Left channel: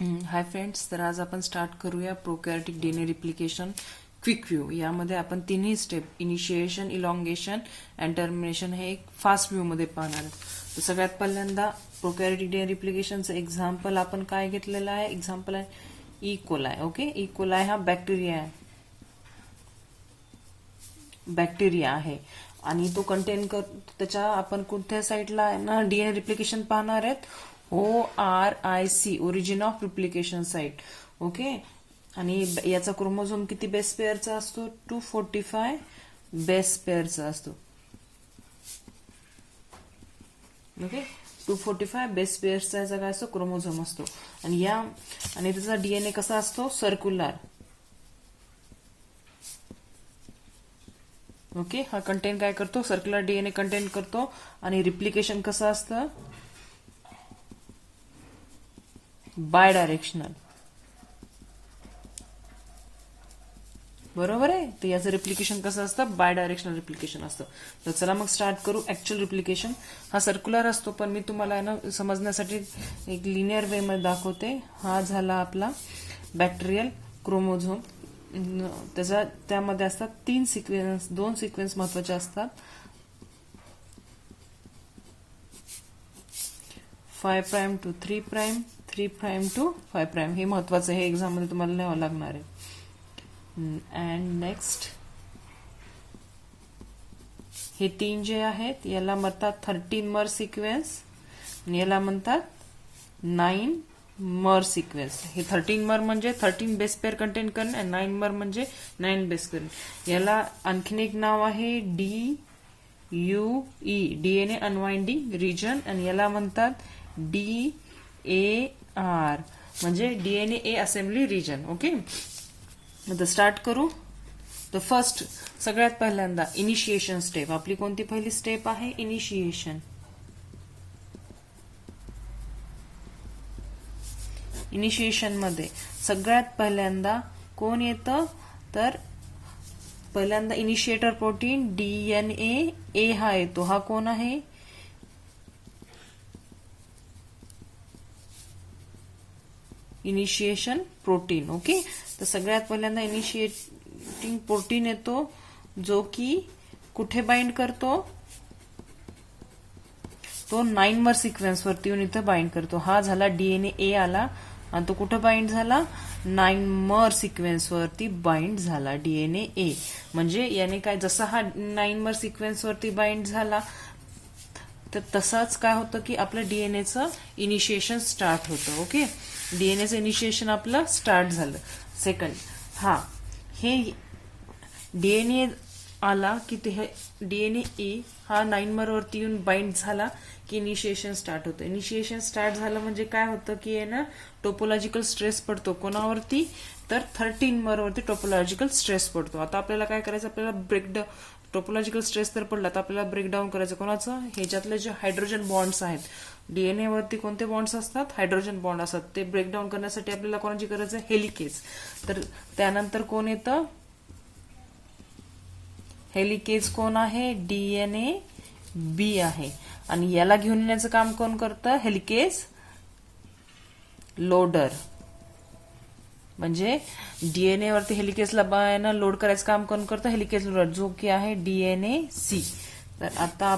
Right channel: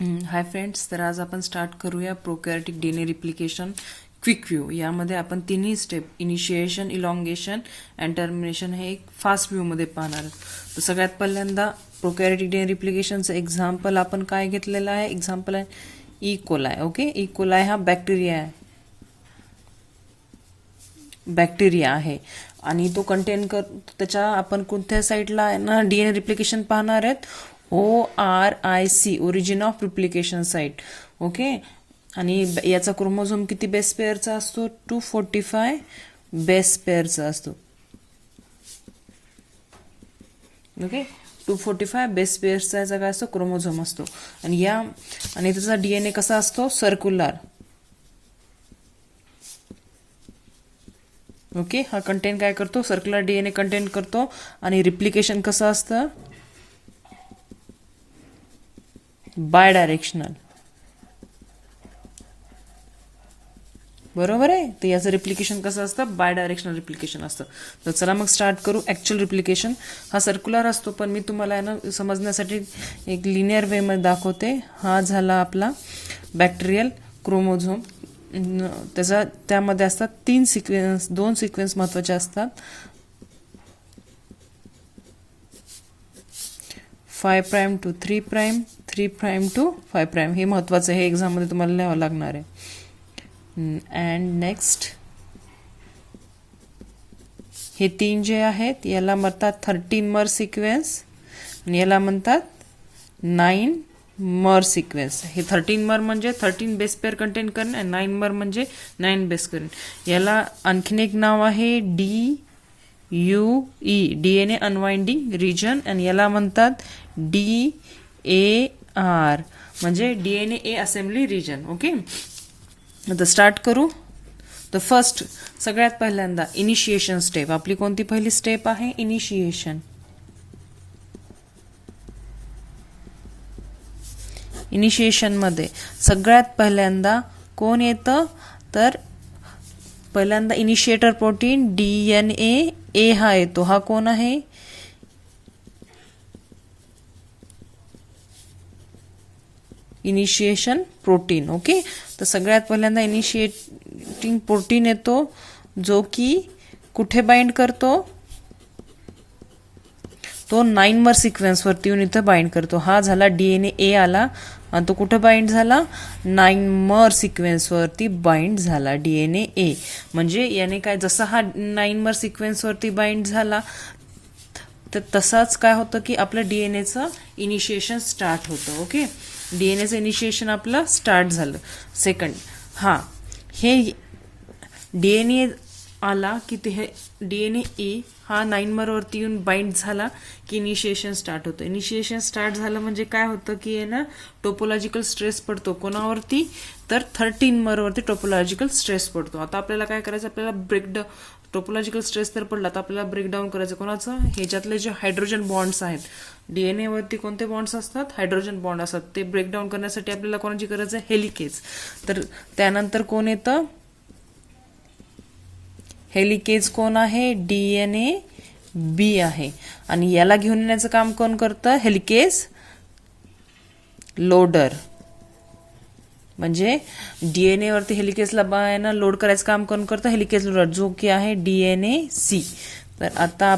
Hi friends, तर आज आपण स्टार्ट करूया प्रोकॅरियोटिक डीएनए रिप्लिकेशन क्विक व्ह्यू. यामध्ये आपण तिन्ही step initiation, elongation and termination हे एक फास्ट व्ह्यूमध्ये पाहणार आहोत. तर सगळ्यात पहिल्यांदा प्रोकॅरियोटिक डीएनए रिप्लिकेशनचं एक्झाम्पल आपण काय घेतलेलं आहे? एक्झाम्पल आहे E coli. Okay, E coli हा बॅक्टेरिया आहे आणि तो कंटेन त्याच्या आपण कोणत्या साईडला आहे ना डीएनए रिप्लिकेशन पाहणार आहेत? ORIC, origin of replication site. Okay, आणि याचा क्रोमोझोम किती बेस पेअरचा असतो? 245 बेस पेअरचा असतो. ओके, 245 बेस पेअर्सचा याचा काय असतो? क्रोमोझोम असतो. आणि त्याचा डीएनए कसा असतो? सर्क्युलर. ओके, हा कंटेन काय करतो? सर्क्युलर डीएनए कंटेन करतो. आणि रिप्लिकेशन कसं असतं? Bidirectional. बरोबर आहे. तर याचं रिप्लिकेशन कसं असतं? बाय डायरेक्शनल रिप्लिकेशन असतं. तर चला मग स्टार्ट करू. ऍक्च्युअल रिप्लिकेशन हा सर्क्युलर असतो, पण मी तुम्हाला ना समजण्यासाठी एक लिनियर वे मध्ये दाखवते. हा झाला आपला बॅक्टेरियल क्रोमोझोम. त्यामध्ये असतात 2 सिक्वेन्स महत्वाचे असतात. 5' to 3', 3' to 5'. हे महत्वाचं आहे, एक्झाम मध्ये तुम्हाला लिहावं लागणार आहे. अँड नेक्स्ट हे 3 जे आहेत याला म्हणतात 13 मर सिक्वेन्स आणि याला म्हणतात 9 मर सिक्वेन्स. हे 13 मर म्हणजे 13 बेस पेअर कंटेन करेन आणि 9 मर म्हणजे 9 बेस करेन. याला आणखीन एक नाव आहे DUE, डीएनए अनवाइंडिंग रिजन, आणि याला म्हणतात DAR म्हणजे डीएनए असेंब्ली रिजन. ओके, आता स्टार्ट करू. तर फर्स्ट सगळ्यात पहिल्यांदा इनिशिएशन स्टेप. आपली कोणती पहिली स्टेप आहे? इनिशिएशन. इनिशिएशन मध्ये सगळ्यात पहिल्यांदा कोण येतं? तर पहिल्यांदा इनिशिएटर प्रोटीन DNA हा येतो. हा कोण आहे? Initiation protein. ओके, तर सगळ्यात पहिल्यांदा इनिशिएटिंग प्रोटीन येतो, जो की कुठे बाइंड करतो? तो 9 मर सिक्वेन्स वरती येऊन इथं बाइंड करतो. हा झाला DNA आला आणि तो कुठे बाइंड झाला? 9 मर सिक्वेन्स वरती बाइंड झाला DNA. म्हणजे याने काय, जसा हा 9 मर सिक्वेन्स वरती बाइंड झाला तर तसाच काय होतं की आपलं डीएनएचं इनिशिएशन स्टार्ट होतं. ओके, डीएनएचं इनिशिएशन आपलं स्टार्ट झालं. सेकंड, हे डीएनए आला की ते हे डीएनए हा 9 मर वरती येऊन बाइंड झाला की इनिशिएशन स्टार्ट होतं. इनिशिएशन स्टार्ट झालं म्हणजे काय होतं की आहे ना टोपोलॉजिकल स्ट्रेस पडतो. कोणावरती? तर 13 मर वरती टोपोलॉजिकल स्ट्रेस पडतो. आता आपल्याला काय करायचं? आपल्याला ब्रेकडाऊन, टोपोलॉजिकल स्ट्रेस तर पडला, तर आपल्याला ब्रेकडाऊन करायचं. कोणाचं? ह्याच्यातले जे हायड्रोजन बॉन्ड्स आहेत, डीएनए वरती कोणते बॉन्ड्स असतात? हायड्रोजन बॉन्ड असतात. ते ब्रेकडाऊन करण्यासाठी आपल्याला कोणाची गरज आहे? हेलिकेज. तर त्यानंतर कोण येतं? हेलिकेज कोण आहे? DNA-B आहे. आणि याला घेऊन येण्याचं काम कोण करतं? Helicase loader. म्हणजे डीएनए वरती हेलिकेजला लोड करायचं काम कोण करतं? हेलिकेज लोडर, जो की आहे DNA-C. तर आता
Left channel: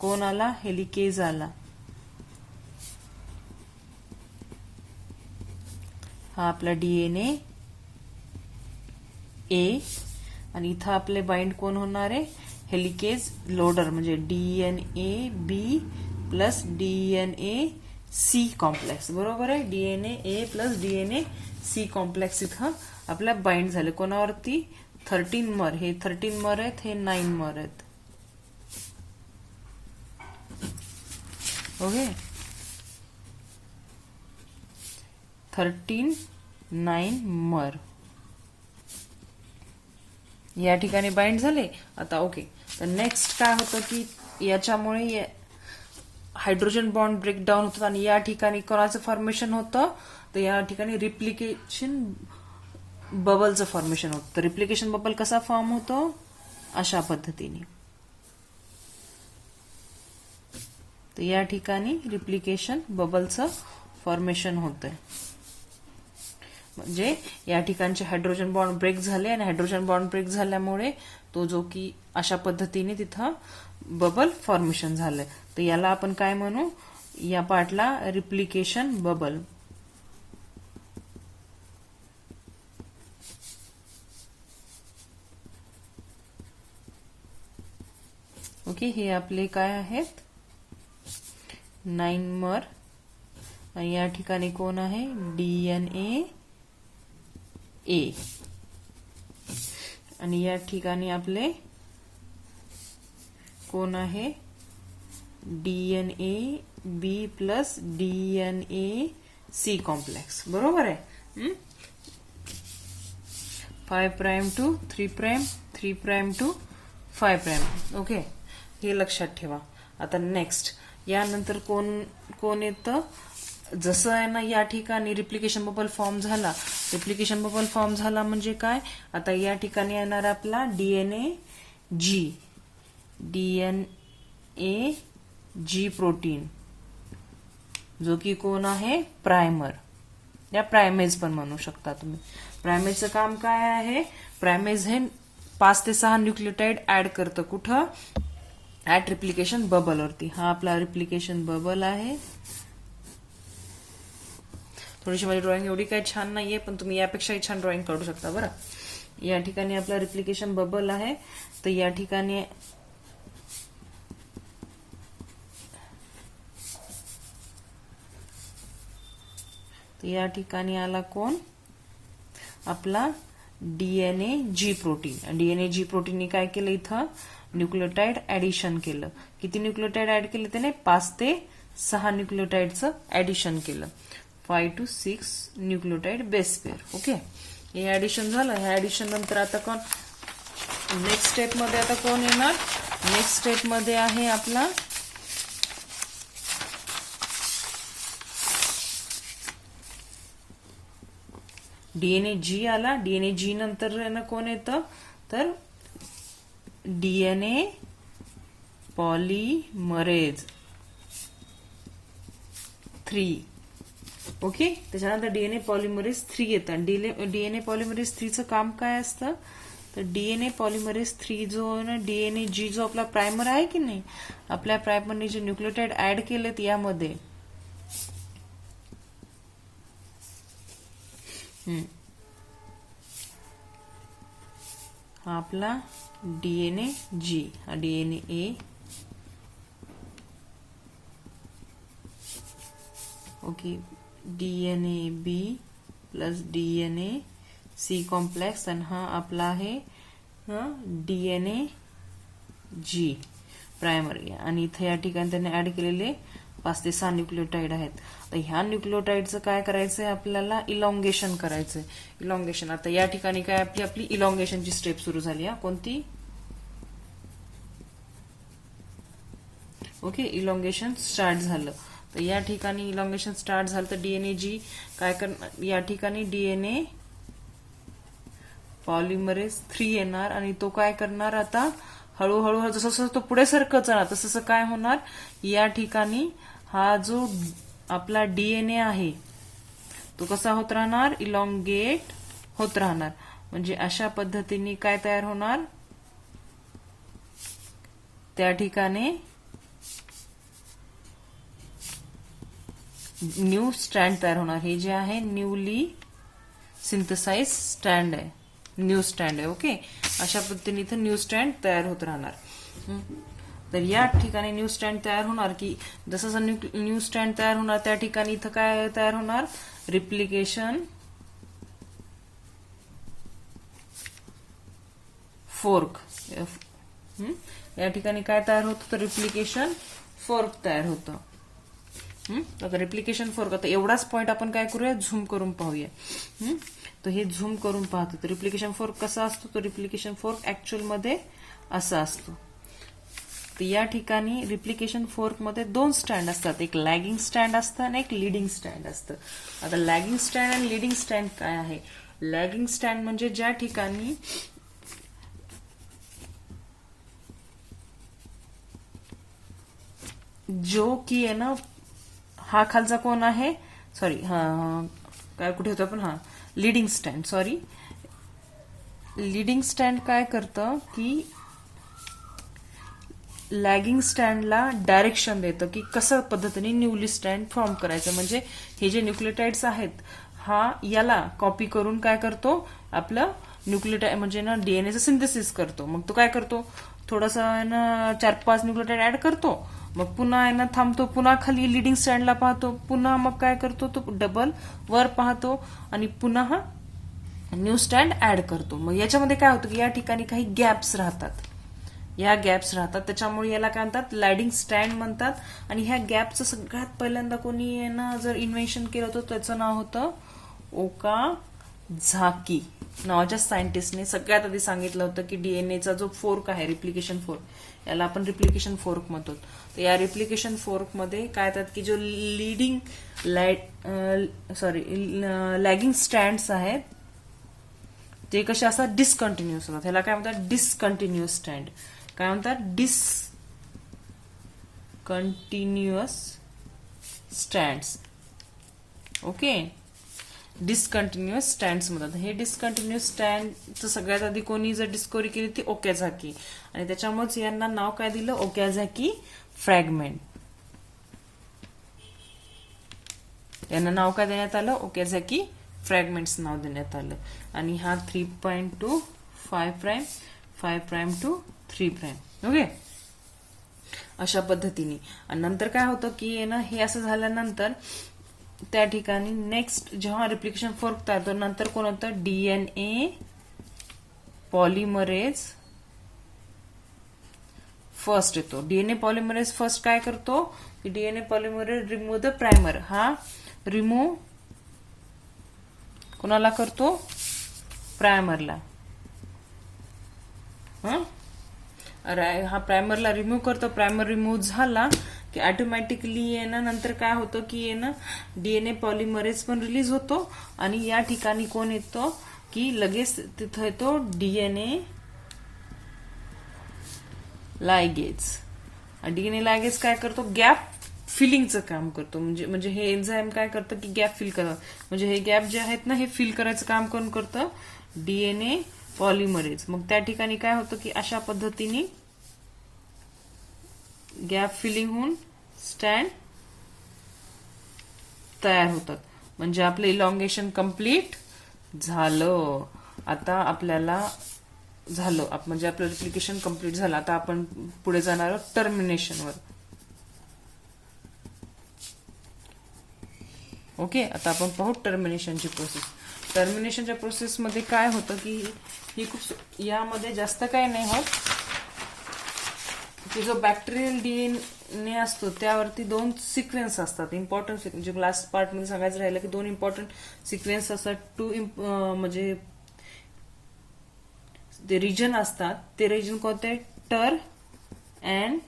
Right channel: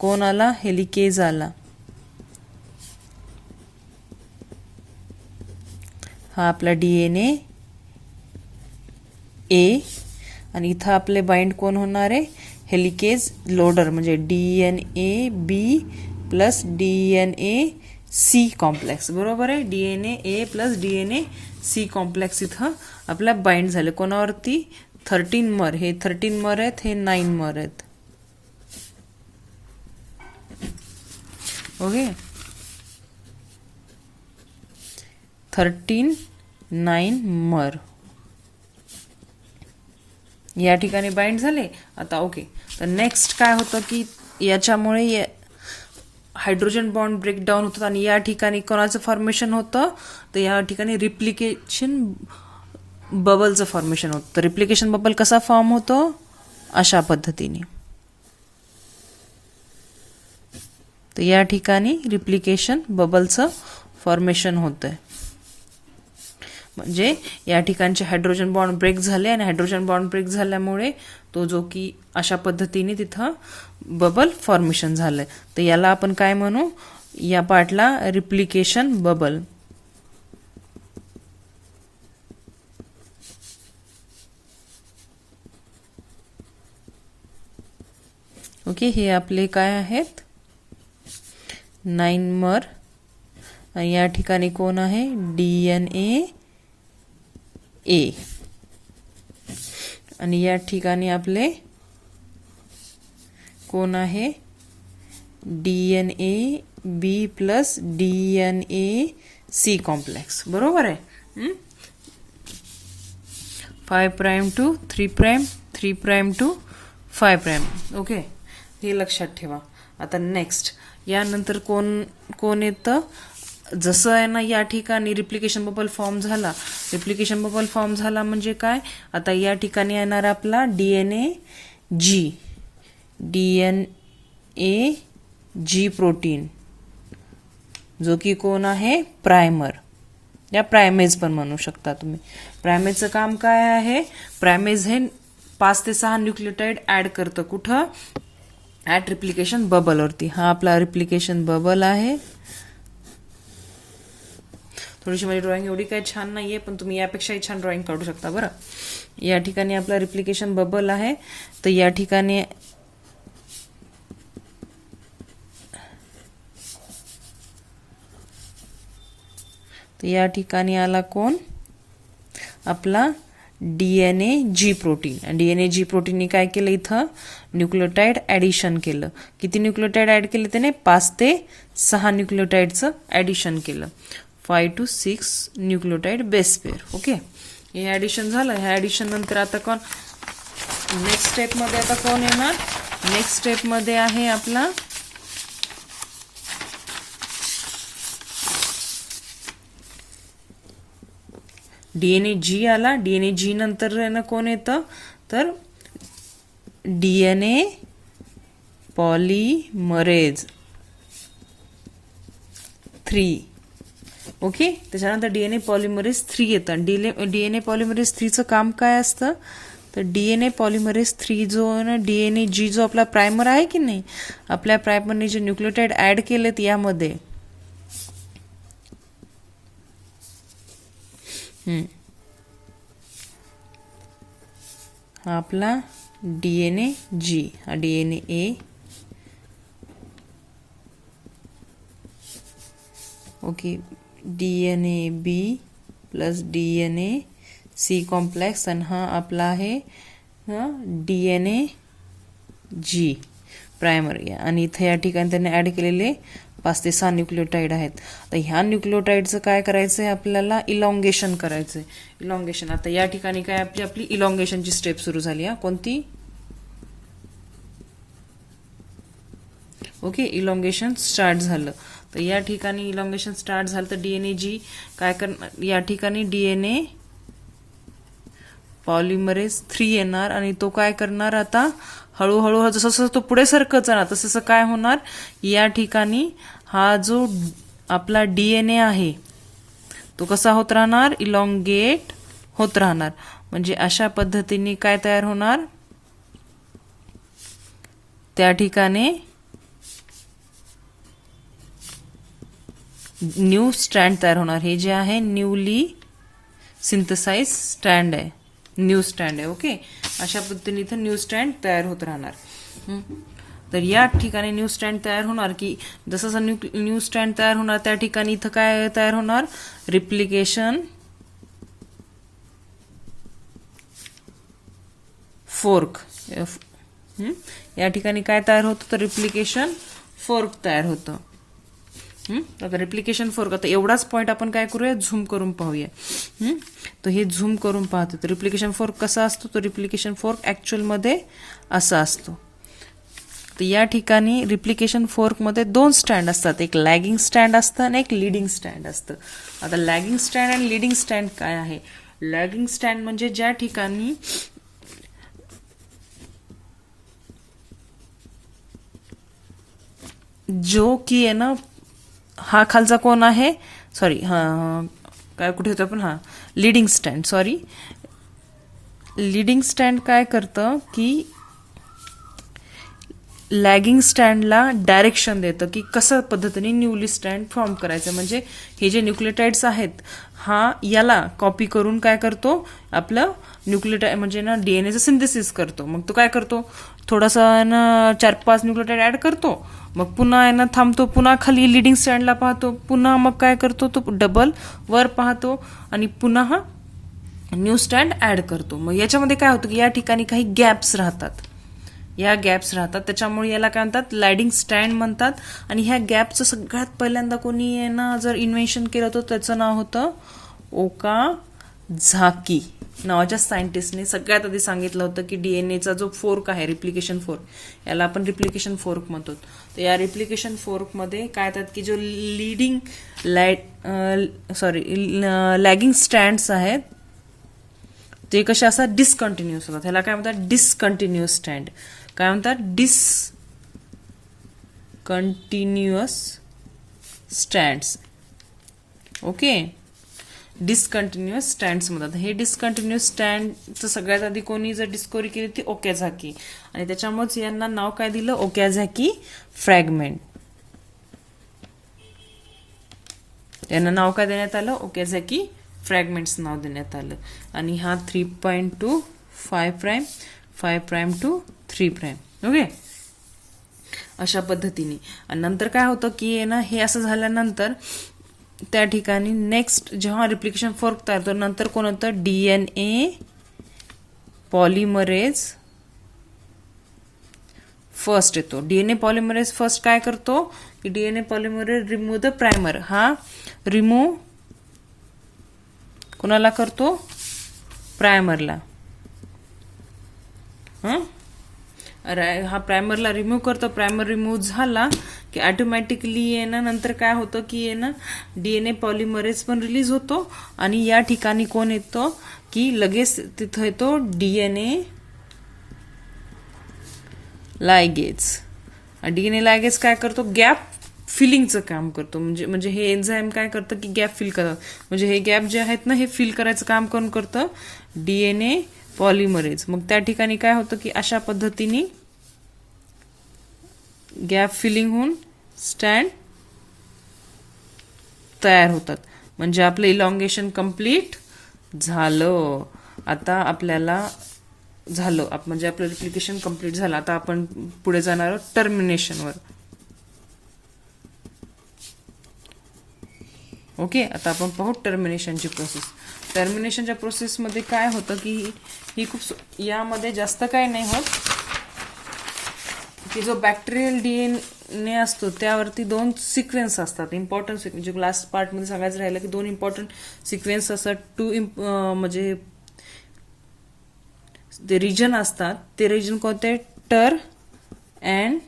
कोण आला? हेलिकेज आला. हा आपला DNA-A आणि इथं आपले बाइंड कोण होणार आहे? हेलिकेज लोडर म्हणजे DNA-B प्लस DNA-C कॉम्प्लेक्स. बरोबर आहे, DNA-A प्लस DNA-C कॉम्प्लेक्स इथं आपल्या बाइंड झाले. कोणावरती? 13 मर. हे 13 मर आहेत, हे 9 मर आहेत. ओके, 13, 9 मर या ठिकाणी बाइंड झाले. आता ओके, तर नेक्स्ट काय होतं की याच्यामुळे हायड्रोजन बॉन्ड ब्रेकडाऊन होतात आणि या ठिकाणी कोणाचं फॉर्मेशन होतं? तर या ठिकाणी रिप्लिकेशन बबलचं फॉर्मेशन होतं. तर रिप्लिकेशन बबल कसा फॉर्म होतो? अशा पद्धतीने. तर या ठिकाणी रिप्लिकेशन बबलचं फॉर्मेशन होतंय. म्हणजे या ठिकाणचे हायड्रोजन बॉन्ड ब्रेक झाले आणि हायड्रोजन बॉन्ड ब्रेक झाल्यामुळे तो जो की अशा पद्धतीने तिथं बबल फॉर्मेशन झालंय. तर याला आपण काय म्हणू, या पार्टला रिप्लिकेशन बबल. ओके, हे आपले काय आहेत 9 मर. या ठिकाणी कोण आहे DNA A आणि या ठिकाणी आपले कोण आहे DNA B plus DNA C complex. बरोबर आहे. 5 prime to 3 prime 3 prime to 5 prime. Okay, हे लक्षात ठेवा. आता नेक्स्ट यानंतर कोण येतं, जसं आहे ना या ठिकाणी रिप्लिकेशन बबल फॉर्म झाला. रिप्लिकेशन बबल फॉर्म झाला म्हणजे काय, आता या ठिकाणी येणार आपला DNA G प्रोटीन, जो की कोण आहे प्रायमर, या प्रायमेज पण म्हणू शकता तुम्ही. प्रायमेजचं काम काय आहे, प्रायमेज हे 5 ते 6 न्यूक्लियोटाइड ऍड करतं. कुठं, ऍट रिप्लिकेशन बबलवरती. हा आपला रिप्लिकेशन बबल आहे. थोडीशी माझी ड्रॉइंग एवढी काही छान नाहीये, पण तुम्ही यापेक्षाही छान ड्रॉइंग काढू शकता बरं. या ठिकाणी आपला रिप्लिकेशन बबल आहे. तर या ठिकाणी आला कोण, आपला DNA G protein. DNA G प्रोटीनने काय केलं, इथं न्यूक्लियोटाइड ऍडिशन केलं. किती न्यूक्लियोटाइड ऍड केले त्याने, 5 ते 6 न्यूक्लियोटाइडचं ऍडिशन केलं. 5 to 6 nucleotide base pair. Okay, हे ऍडिशन झालं. हे ऍडिशन नंतर आता कोण, नेक्स्ट स्टेप मध्ये आता कोण येणार, नेक्स्ट स्टेप मध्ये आहे आपला DNA G आला. DNA G नंतर कोण येतं, तर DNA पॉलिमरेज 3. ओके, त्याच्यानंतर DNA पॉलिमरेज 3 येतं. DNA पॉलिमरेज 3चं काम काय असतं, तर DNA पॉलिमरेज 3 जो आहे ना, DNA G जो आपला प्रायमर आहे की नाही, आपल्या प्रायमरने जे न्यूक्लियोटाइड ऍड केलेत यामध्ये, हा आपला DNA G, हा DNA A, okay, DNA B plus DNA C complex, आणि हा आपला आहे DNA G प्रायमर. आणि इथे या ठिकाणी त्याने ऍड केलेले 5 ते 6 न्यूक्लियोटाइड आहेत. तर ह्या न्यूक्लियोटाइडचं काय करायचंय आपल्याला, इलॉंगेशन करायचंय. इलॉंगेशन, आता या ठिकाणी काय आपली इलॉंगेशनची स्टेप सुरू झाली. कोणती, ओके, इलॉंगेशन स्टार्ट झालं. तर या ठिकाणी इलॉंगेशन स्टार्ट झालं. तर DNA G काय करणार, या ठिकाणी DNA पॉलिमरेज 3 येणार आणि तो काय करणार, आता हळूहळू जसं जसं तो पुढे सरकत जाणार तसं काय होणार, या ठिकाणी हा जो आपला DNA आहे तो कसा होत राहणार, इलॉंगेट होत राहणार. म्हणजे अशा पद्धतीने काय तयार होणार, त्या ठिकाणी न्यू स्ट्रँड तयार होणार. हे जे आहे न्यूली सिंथसाइज स्ट्रँड आहे, न्यू स्ट्रँड आहे. ओके, अशा पद्धतीने इथं न्यू स्ट्रँड तयार होत राहणार. तर या ठिकाणी न्यू स्ट्रँड तयार होणार की जसं जसं न्यू स्ट्रँड तयार होणार त्या ठिकाणी इथं काय तयार होणार, रिप्लिकेशन फोर्क. या ठिकाणी काय तयार होतं, तर रिप्लिकेशन फोर्क तयार होतं. आता रिप्लिकेशन फोर्क, आता एवढाच पॉइंट आपण काय करूया, झूम करून पाहूया. तर हे झूम करून पाहतो. तर रिप्लिकेशन फोर्क कसा असतो, तो रिप्लिकेशन फोर्क ऍक्च्युअल मध्ये असा असतो. तर या ठिकाणी रिप्लिकेशन फोर्क मध्ये 2 स्टँड असतात, एक लॅगिंग स्टँड असतं आणि एक लीडिंग स्टँड असतं. आता लॅगिंग स्टँड आणि लीडिंग स्टँड काय आहे, लॅगिंग स्टँड म्हणजे ज्या ठिकाणी जो की आहे ना, हा खालचा कोण आहे, सॉरी, हा काय कुठे होतं आपण, leading stand, sorry, leading stand काय करतं की लॅगिंग स्टँडला डायरेक्शन देतं की कसं पद्धतीने न्यूली स्टँड फॉर्म करायचं. म्हणजे हे जे न्यूक्लियोटाइड्स आहेत हा याला कॉपी करून काय करतो, आपलं न्यूक्लियोटाइड म्हणजे ना डीएनएचं सिंथेसिस करतो. मग तो काय करतो, थोडासा ना 4-5 न्यूक्लियोटाइड ऍड करतो, मग पुन्हा यांना थांबतो, पुन्हा खाली लिडिंग स्टँडला पाहतो, पुन्हा मग काय करतो तो डबल वर पाहतो आणि पुन्हा हा न्यू स्टँड ऍड करतो. मग याच्यामध्ये काय होतं की या ठिकाणी काही गॅप्स राहतात, या गॅप्स राहतात, त्याच्यामुळे याला काय म्हणतात, लॅडिंग स्टँड म्हणतात. आणि ह्या गॅपचं सगळ्यात पहिल्यांदा कोणी ना जर इन्व्हेन्शन केलं होतं त्याचं नाव होतं ओकाझाकी नावाच्या सायंटिस्टने सगळ्यात आधी सांगितलं होतं की डीएनएचा जो फोर्क आहे, रिप्लिकेशन फोर्क, याला आपण रिप्लिकेशन फोर्क म्हणतो. तर या रिप्लिकेशन फोर्कमध्ये काय येतात की जो लॅगिंग स्टँड्स आहेत ते कसे असतात, डिसकंटिन्युअस होतात. ह्याला काय म्हणतात, डिसकंटिन्युअस स्टँड. काय म्हणतात, discontinuous stands. Okay, discontinuous stands म्हणतात. हे डिसकंटिन्युअस स्टँडचं सगळ्यात आधी कोणी जर डिस्कवरी केली ती ओकाझाकी, आणि त्याच्यामुळेच यांना नाव काय दिलं, ओकाझाकी फ्रॅगमेंट. यांना नाव काय देण्यात आलं, ओकाझाकी फ्रॅगमेंट्स नाव देण्यात आलं. आणि हा 3.2 5' 5' to 3'. ओके, अशा पद्धतीने. आणि नंतर काय होतं की ना हे असं झाल्यानंतर त्या ठिकाणी नेक्स्ट जेव्हा रिप्लिकेशन फोर्क तयार होतो, नंतर कोण होतं, डीएनए पॉलिमरेज फर्स्ट येतो. डीएनए पॉलिमरेज फर्स्ट काय करतो की DNA polymerase remove the primer. हा रिमूव्ह कोणाला करतो, प्रायमरला. हा प्रायमरला रिमूव्ह करतो. प्रायमर रिमूव्ह झाला की ऑटोमॅटिकली आहे ना नंतर काय होतं की आहे ना डीएनए पॉलिमरेज पण रिलीज होतो आणि या ठिकाणी कोण येतो की लगेच तिथं येतो डीएनए लायगेज. डीएनए लायगेज काय करतो, गॅप फिलिंगचं काम करतो. म्हणजे हे एन्झाईम काय करतं की गॅप फिल करतं. म्हणजे हे गॅप जे आहेत ना हे फिल करायचं काम कोण करतं, डीएनए पॉलिमरेज. मग त्या ठिकाणी काय होतं की अशा पद्धतीने गॅप फिलिंग होऊन स्टँड तयार होतात. म्हणजे आपलं इलॉंगेशन कंप्लीट झालं. आता आपल्याला झालं म्हणजे आपलं रिप्लिकेशन कंप्लीट झालं. आता आपण पुढे जाणार आहोत टर्मिनेशनवर. ओके, आता आपण पाहू टर्मिनेशनची प्रोसेस. टर्मिनेशनच्या प्रोसेसमध्ये काय होतं की ही खूप यामध्ये जास्त काय नाही होत की जो बॅक्टेरियल डीएनए असतो त्यावरती 2 सिक्वेन्स असतात, इम्पॉर्टंट सिक्वेन्स. जे लास्ट पार्टमध्ये सांगायचं राहिलं की 2 इम्पॉर्टंट सिक्वेन्स असतात. 2 म्हणजे ते रिजन असतात. ते रिजन कोणते, टर अँड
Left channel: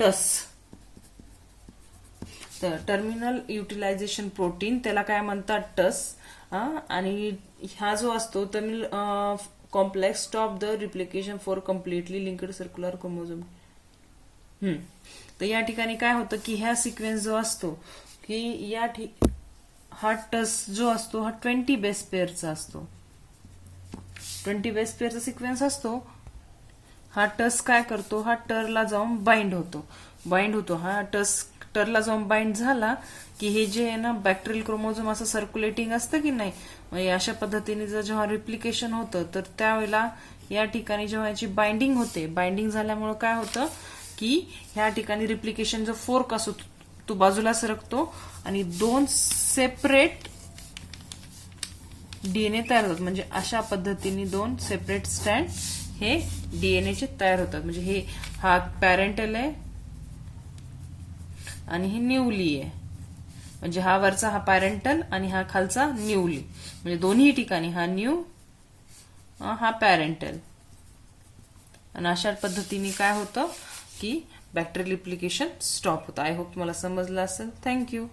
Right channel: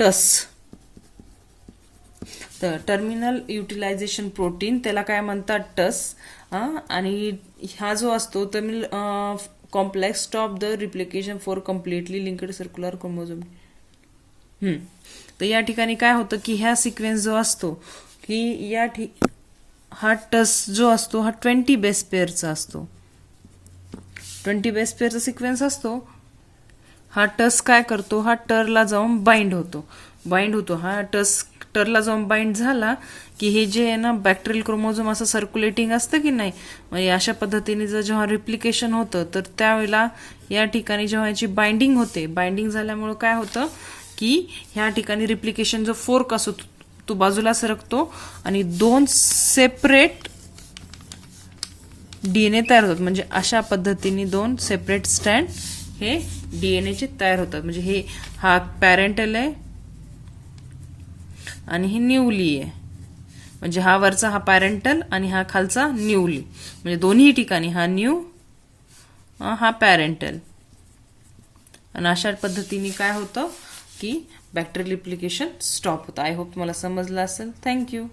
टस. तर टर्मिनल युटिलायझेशन प्रोटीन त्याला काय म्हणतात, टस. आणि हा जो असतो terminal complex stop the replication for completely linked circular chromosome. तर या ठिकाणी काय होतं की ह्या सिक्वेन्स जो असतो की हा टस जो असतो हा 20 बेस पेअरचा असतो. 20 बेस पेअरचा सिक्वेन्स असतो. हा टस काय करतो, हा टरला जाऊन बाइंड होतो. हा टस टरला जाऊन बाइंड झाला की हे जे आहे ना बॅक्टेरियल क्रोमोझोम असं सर्क्युलेटिंग असतं की नाही, म्हणजे अशा पद्धतीने जर जेव्हा रिप्लिकेशन होतं तर त्यावेळेला या ठिकाणी जेव्हा याची बाइंडिंग होते, बाइंडिंग झाल्यामुळं काय होतं की ह्या ठिकाणी रिप्लिकेशन जो फोर्क असतो तो बाजूला सरकतो आणि 2 सेपरेट डीएनए तयार होतात. म्हणजे अशा पद्धतीने 2 सेपरेट स्टँड हे डीएनएचे तयार होतात. म्हणजे हा पॅरेंटल आहे आणि हे न्यूली आहे. म्हणजे हा वरचा हा पॅरेंटल आणि हा खालचा न्यूली. म्हणजे दोन्ही ठिकाणी हा न्यू हा पॅरेंटल. आणि अशा पद्धतीने काय होतं की बॅक्टेरियल रिप्लिकेशन स्टॉप होतं. आय होप तुम्हाला समजलं असेल. थँक्यू.